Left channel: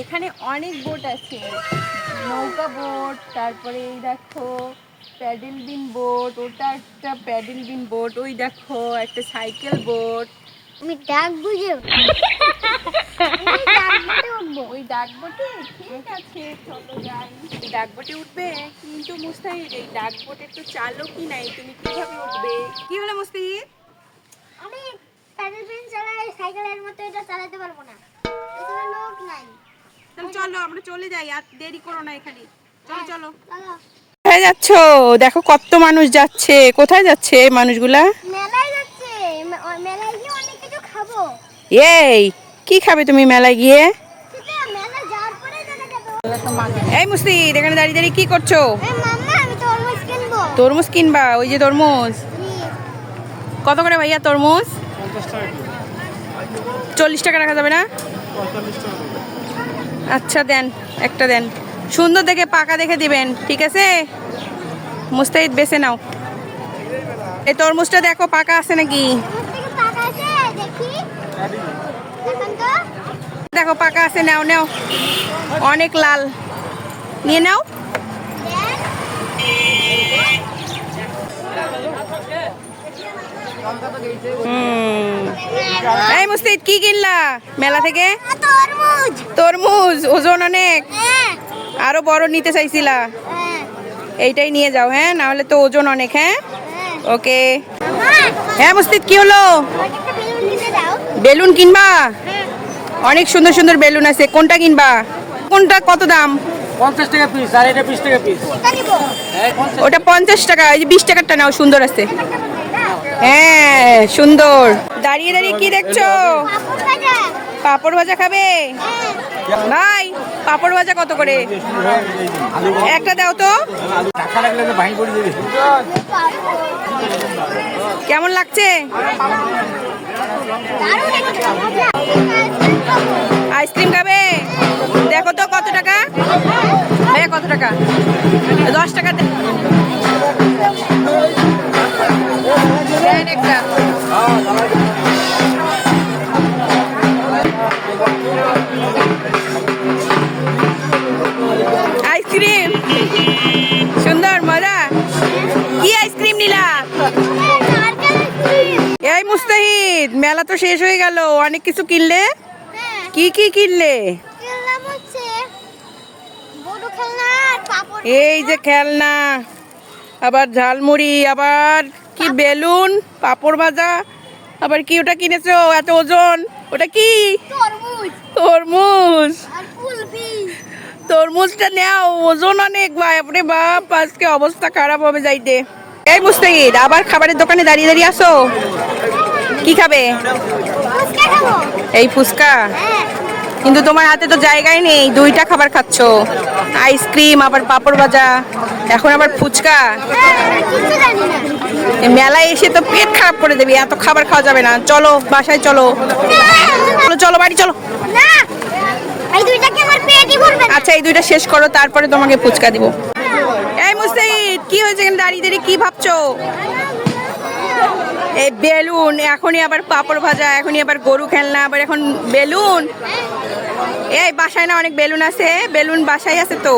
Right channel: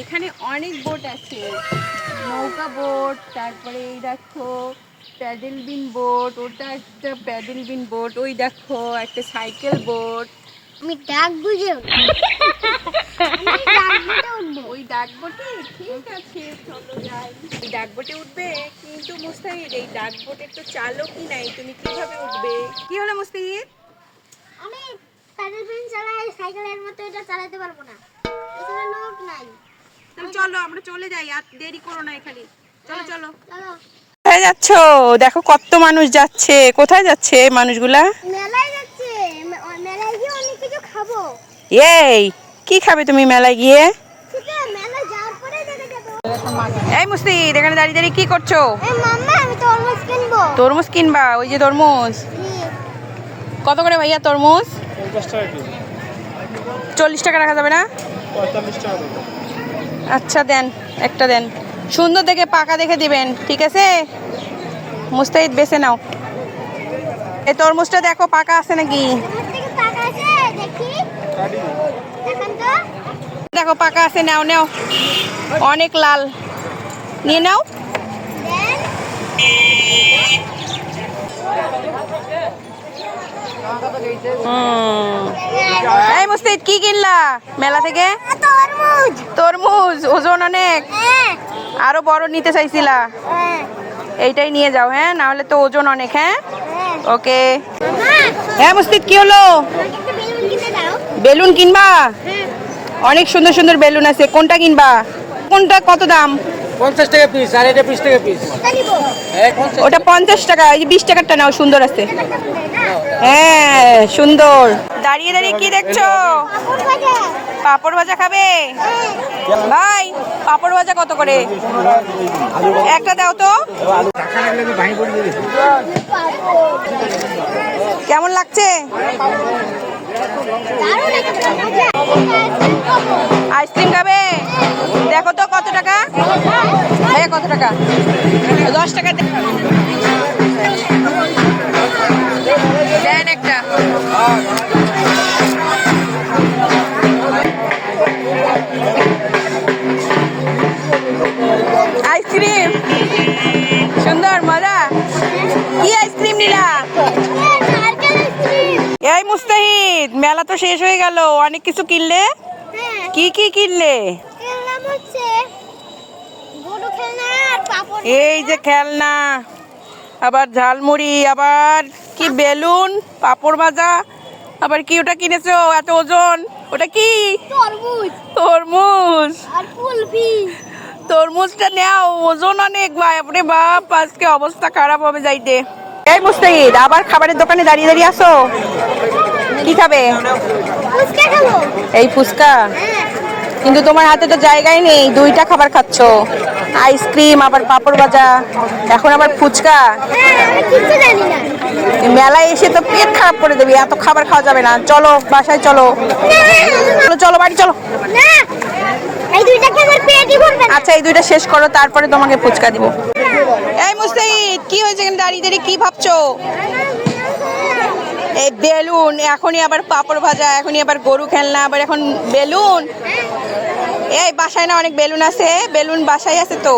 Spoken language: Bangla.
এখানে অনেক বোট আছে, নৌকা বোট, তারপরে এই দেখো প্যাডেল বিন বোট, ওটা একটা প্যাডেল বিন বোট, ওই দেখো একটা সাইকেল বোট। আমি ডাক বুঝে ওই ডাক বোটে ঠিক আছে, চলো যাই। এই ডাক বোটে উঠবে, কিন্তু মুস্তাহিদ এই ডাক বোটের তো চালকই নাই, তুমি কিভাবে উঠবে? কি হলো মুস্তাহিদ? আমি প্যাডেল বিন চালাই, সাইকেলের মতো এটা চালাতে পারবো না, এখানে লোক নাই। তাহলে চলো আমরা চলে যাই, আর দেরি করো না এখানে, চলো চলো। চলো কোথায় যাচ্ছ? দেখো কত মানুষ যাচ্ছে, কোথায় যাচ্ছে এই মানুষগুলা? মেলায় যাচ্ছে, মেলায় গিয়ে অনেক কিছু খাবো। এই কি খাবে তুমি মেলায় গিয়ে? সেটা মেলায় যাওয়ার পরে দেখে যাবো। এই মুস্তাহিদ এখানে দাঁড়িয়ে দাঁড়িয়ে কি করছো? এই মাম্মা আমি তরমুজ কিনবো। তরমুজ কিনবা? ওই যে তরমুজ কত করে ভাইয়া তরমুজ? 40 টাকা রাখা যাবে না? আচ্ছা দেন, একটা দেন, সুন্দর দেখে পাকা দেখে দিবেন, ঠিক আছে? মুস্তাহিদ বেছে নাও। এই তরমুজটা দেখো পাকা আছে নাকি। পাকা আছে দেখি, দেখেন তো। দেখো পাকা আছে, নাও নাও, অনেক লাল, নিয়ে নাও। এই মুস্তাহিদ কি কিনলা মেলা থেকে? তরমুজ। তরমুজ ওজন অনেক, হ্যাঁ আরো বড় নিতে চাইছিলা? হ্যাঁ এইটাই নিয়ে যাও, হ্যাঁ, না হলে তো ওজন অনেক। হ্যাঁ হ্যাঁ। ওকে। মামা হ্যাঁ মুস্তাহিদ কি হলো? আমাকে একটা বেলুন কিনে দাও। বেলুন কিনবা? হ্যাঁ অনেক সুন্দর সুন্দর বেলুন আছে, কোনটা কিনবা? কোনটা কত দাম? 50 টাকা পিস, আর এটা 20 টাকা পিস। কোনটা নিবো? ওটা 50 টাকা, এই যে 20 টাকারটা নাও, সুন্দর আছে। হ্যাঁ সুন্দর। দাঁড়িয়ে দাঁড়িয়ে কি দেখছো? পাপড় ভাজা। পাপড় ভাজা খাবে? ভাই পাপড় ভাজা কত করে? একটা দাও তো। কেমন লাগছে? আইসক্রিম খাবে? দেখো তো কত টাকা ভাইয়া, কত টাকা? 10 টাকা দেন একটা। আইসক্রিম সুন্দর মজা। কি আইসক্রিম নিলা? এই মুস্তাহিদ মেলা তো শেষ হয়ে গেল, অনেক কিছু কিনলে, কি কি কিনলে? এই যে খেলনা, আবার ঝালমুড়ি, আবার কি বেলুন, পাপড় ভাজা, আবার কি ওটা কিনেছো এত ওজন? ওটা কি? তরমুজ তরমুজ। আর কুলফি। তরমুজটা নাও, ওজন অনেক। বাপরে বাপ, আজকে অবস্থা খারাপ হবে যাইতে। এই মুস্তাহিদ আবার খাবারের দোকানে দাঁড়িয়ে দাঁড়িয়ে আসো, কি খাবে? ফুচকা খাবো। এই ফুচকা? হ্যাঁ কিন্তু তোমার হাতে তো জায়গায় নেই, দুইটা খাবার খাচ্ছো, আইসক্রিম আবার পাপড় ভাজা, এখন আবার ফুচকা। আমি কিছু জানি না। এই মেলায় এসে তো পেট খারাপ করে দেবে, এত খাবার খাওয়া যাবে না, চলো বাসায় চলো। চলো চলো বাড়ি চলো। না এই দুইটা কি আমার পেটই ভরবে না। আচ্ছা এই দুইটা শেষ করো, তারপরে তোমাকে ফুচকা দিব। এই মুস্তাহিদ কি হয়েছে, এখানে দাঁড়িয়ে দাঁড়িয়ে কি ভাবছো? এই বেলুন, এখনই আবার পাপড় ভাজা, এখনই আবার গরু খেলনা, আবার এখন বেলুন। এই বাসায় না অনেক বেলুন আছে? বেলুন বাসায় আছে তো।